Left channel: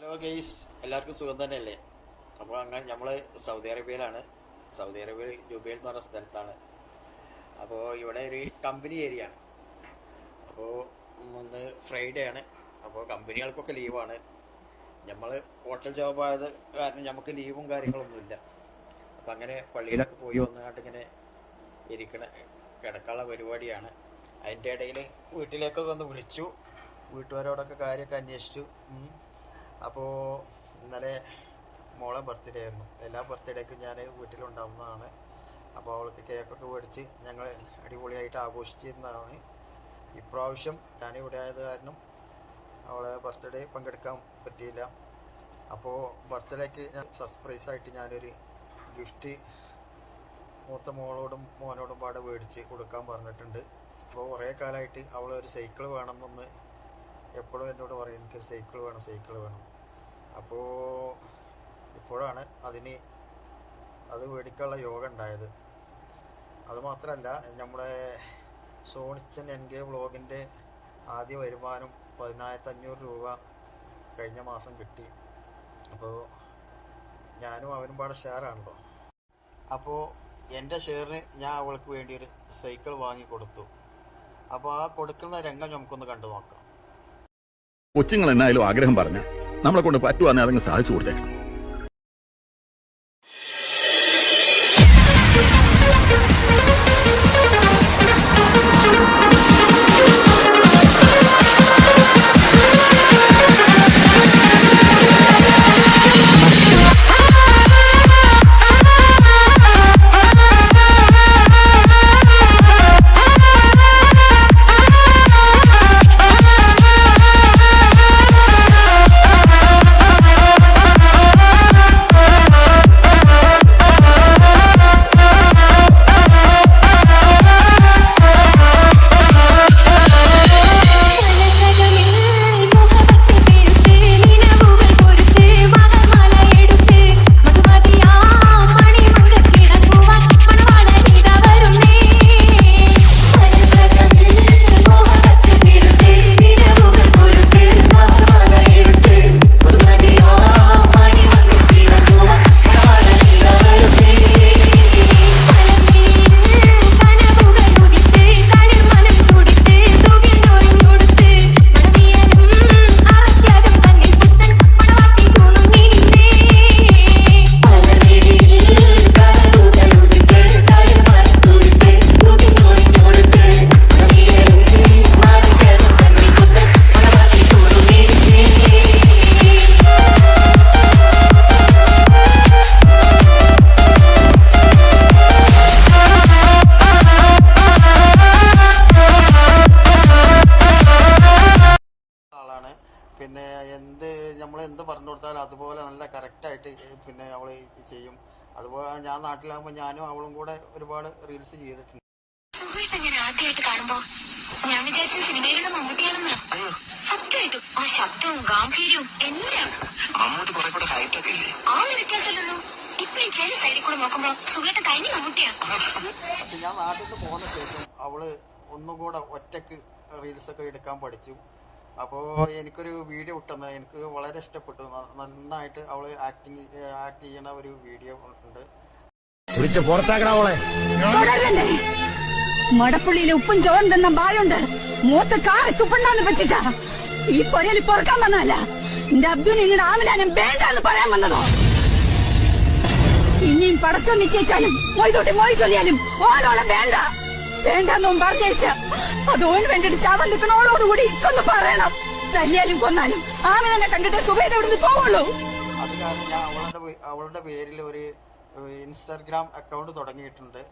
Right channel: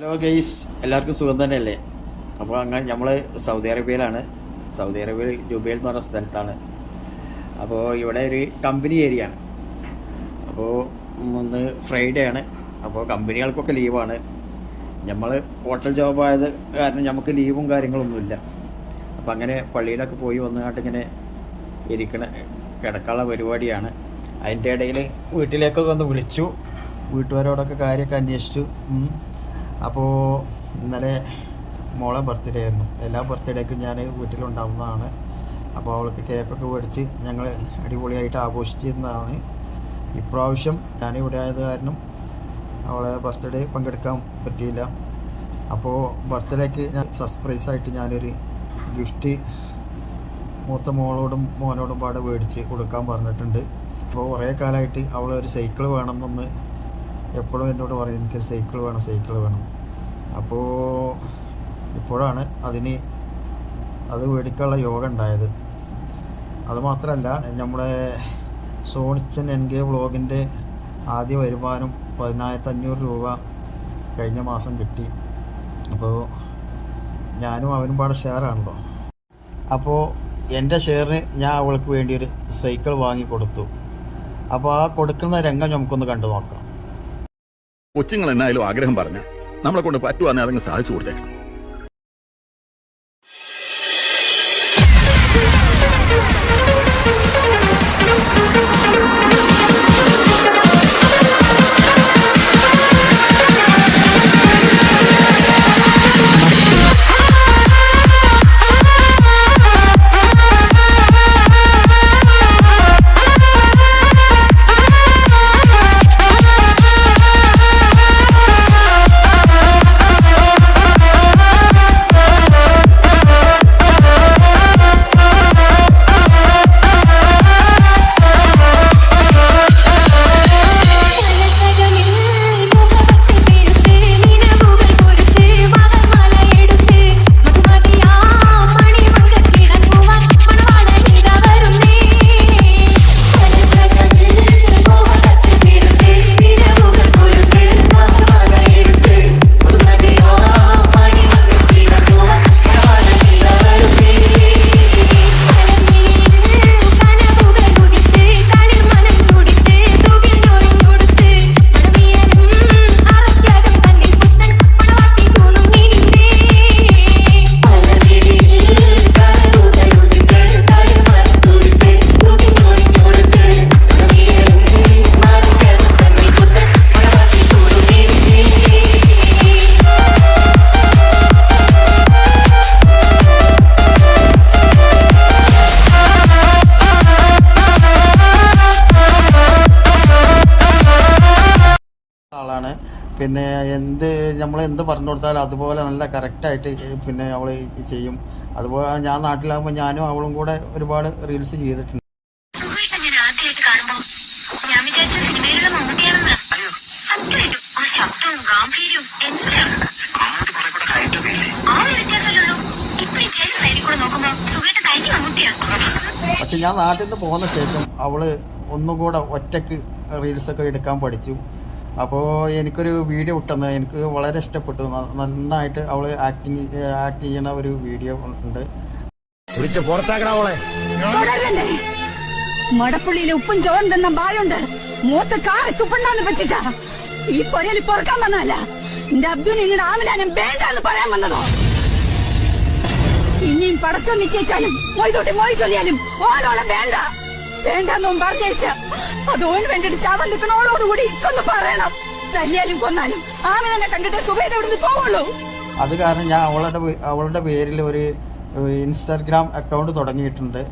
Hello guys, എല്ലാവർക്കും സുഖം തന്നെയല്ലേ? അപ്പോൾ അങ്ങനെ നമ്മൾ സൗദി അറേബ്യയിലാണ്. സൗദി അറേബ്യയിൽ ജുബൈൽ എന്ന് പറഞ്ഞ സ്ഥലത്താണ്. അപ്പോൾ ഇവിടെ ഒരു കമ്പനി ഏരിയ ആണ്. അപ്പോൾ ഒന്ന് ഫ്രൈഡേ ആണ്. അപ്പോൾ കമ്പനികൾക്കൊക്കെ ലീവാണ്. നമ്മൾ ഹോട്ടൽ ജോബായത് കാരണം നമുക്ക് ലീവും കാര്യങ്ങളൊന്നുമില്ല. അപ്പോൾ അങ്ങനെ പള്ളിയിലൊക്കെ പോയി വന്നുകൊണ്ട് ഇങ്ങനെ കിടക്കാനുള്ള പരിപാടിയാണ്. അതിൻ്റെ ഇടയിൽ വീട്ടിലേക്കൊക്കെ ഒന്ന് വിളിച്ചു, വീട്ടുകാരോടൊക്കെ കാര്യമൊക്കെ അന്വേഷിച്ചു. അപ്പോൾ ഇന്നലെ മോളെ ബർത്ത്ഡേ ആയിരുന്നു. എല്ലാ ബർത്ത്ഡേക്കും ഞാൻ വീട്ടിലുണ്ടാവുന്നതാണ്. അപ്പോൾ അവൾക്ക് കേക്കൊക്കെ മേടിച്ച് ഞങ്ങൾ അടിപൊളിയായിട്ട് ആഘോഷിച്ചിരുന്നതാണ്. ഇപ്രാവശ്യം ഞാനിവിടെ ആയത് കാരണം അവളെ ബർത്ത്ഡേ പങ്കെടുക്കാൻ പറ്റിയില്ല. അപ്പോൾ ബർത്ത്ഡേക്ക് ഞാൻ സർപ്രൈസായിട്ട് ഞാനൊരു ഗിഫ്റ്റ് മൂത്ത മോളോടും മോനോടും പാടെ മേടിച്ച് കൊടുക്കാൻ പറഞ്ഞിട്ടുണ്ട്. അപ്പോൾ കുറേ കാലമായിട്ട് അവൾ ഒരു സൈക്കിൾ വേണമെന്നൊന്ന് എപ്പോഴും എന്നോട് പറയും, എനിക്കൊരു സൈക്കിൾ വേണം. അപ്പോൾ ഇപ്പോഴാണ് അത് മേടിക്കാനുള്ള യോഗം ഉണ്ടായത്. അതുമാത്രമല്ല, നമ്മുടെ സോണിച്ചൻ NK വ്ളോഗിൻ്റെ ആദ്യ വരുമാനം 10,500 രൂപ കഴിഞ്ഞ മാസം കിട്ടി. അപ്പോൾ ഞാനും അവനും പാടെ ഷെയറാണല്ലോ. അപ്പോൾ എൻ്റെ ഷെയറിന് ഞാൻ അവൾക്ക് വേണ്ടി ഒരു സൈക്കിൾ വാങ്ങി കൊടുത്തു. അപ്പോൾ ആ കൊടുക്കുന്ന രംഗം നമുക്കൊന്ന് കണ്ടു നോക്കാം. കൊച്ചുങ്ങൾ എന്നായാലും ആഗ്രഹം പറഞ്ഞ നമ്മളെ കൊണ്ട് പറ്റുവാന്നെ അതങ്ങ് സാധിച്ചു കൊടുത്തേക്കണം. പിന്നെ നമ്മൾ എന്ത് പറഞ്ഞു കൊടുത്താലും അതുപോലെ നല്ല കറക്റ്റായിട്ട് പിന്നെ അവൾ ചെയ്യും. അതുപോലെ ഞാൻ നാട്ടിലാകുമ്പോൾ ഞാനും അവളും കൂടെ ഒരുപാട് റീൽസ് ചെയ്തിട്ടുണ്ട്. ഞാൻ ആദ്യമായിട്ട് കാണുമ്പോൾ ഞാൻ വിചാരിച്ച സിനിമയിലുള്ള മമ്മൂട്ടിയാണെന്ന്. സത്യമായിട്ടും ആ ശബ്ദവും ഗാംഭീര്യവും എല്ലാം ആ ഒരു വ്യത്യാസമല്ലോ. ഇപ്പഴും ചില സൈഡിൽ നോക്കുമ്പോ സുഖമായിട്ട് കഴിഞ്ഞ മമ്മൂട്ടിയാ. പക്ഷെ ഞാൻ നാട്ടിൽ നിന്ന് പോകുന്ന ശേഷം അവള് ഒന്നും കൂടെ ഒറ്റക്ക് റീൽസൊക്കെ എടുക്കാൻ പഠിച്ചു. അപ്പോൾ എനിക്കൊരു വീഡിയോ ഇട്ടെന്ന് എനിക്ക് വളരെ ഇഷ്ടപ്പെട്ടു. നന്നായിട്ട് അവൾ ആക്ട് ചെയ്യണ ഒരു വീഡിയോ ഉണ്ട്. മടപ്പുള്ളിയിലെ ഉപ്പും ചോറും തന്ന ബായുണ്ട് മൂത്ത് കാറി തുപ്പണ്ടാന്ന് വെച്ചിട്ടാ ഈ പൊരയിൽ പൊറക്കാൻ വന്നതല്ല. എന്റെ അബ്ദുലിനോട് ആമിനാനും വേണ്ടെന്ന് പറയാൻ വന്നതോ. ഇനിയും പടക്കം നിശ്ചയിച്ചാലും മൊയ് ചൊല്ലിയാലും ഓരോളം വേണ്ടെന്നും പറഞ്ഞേച്ച അതോന് വേണ്ടിട്ട് ചാവൻ നിൽക്കണോളോടുകൂടി ഇക്കൊന്ന് പറയണം. തല്ലിയാലും കൊന്നാലും ആമിനെ കണ്ടിട്ട് സുഖേത ഇവിടുന്ന് പോവുള്ളൂ. അത് കാരണം ഞാൻ അവളുടെ പേരിൽ ഒരു ഇൻസ്റ്റാഗ്രാം അക്കൗണ്ട് തുടങ്ങിയിട്ടുണ്ട്.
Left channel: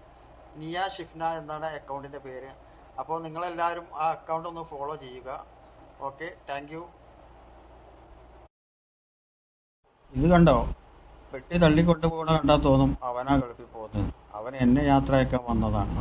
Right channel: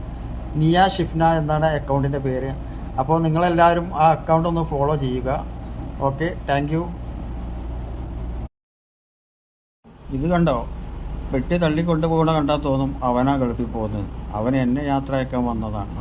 നിയ ഷിഫ്ന എന്നാണ് അക്കൗണ്ടിൻ്റെ പേര്. അപ്പോൾ നിങ്ങളെല്ലാവരും ആ അക്കൗണ്ട് ഒന്ന് ഫോളോ ചെയ്യുക. Okay, thank you. ഇത് കണ്ടോ, പെട്ടി തള്ളിക്കൊണ്ട് പോകണ കണ്ടാൽ തോന്നും അവനാ ഗൾഫിൽ പോകുന്നത്. അവൻ എന്നെ യാത്ര അയക്കാൻ വന്നതാണ്.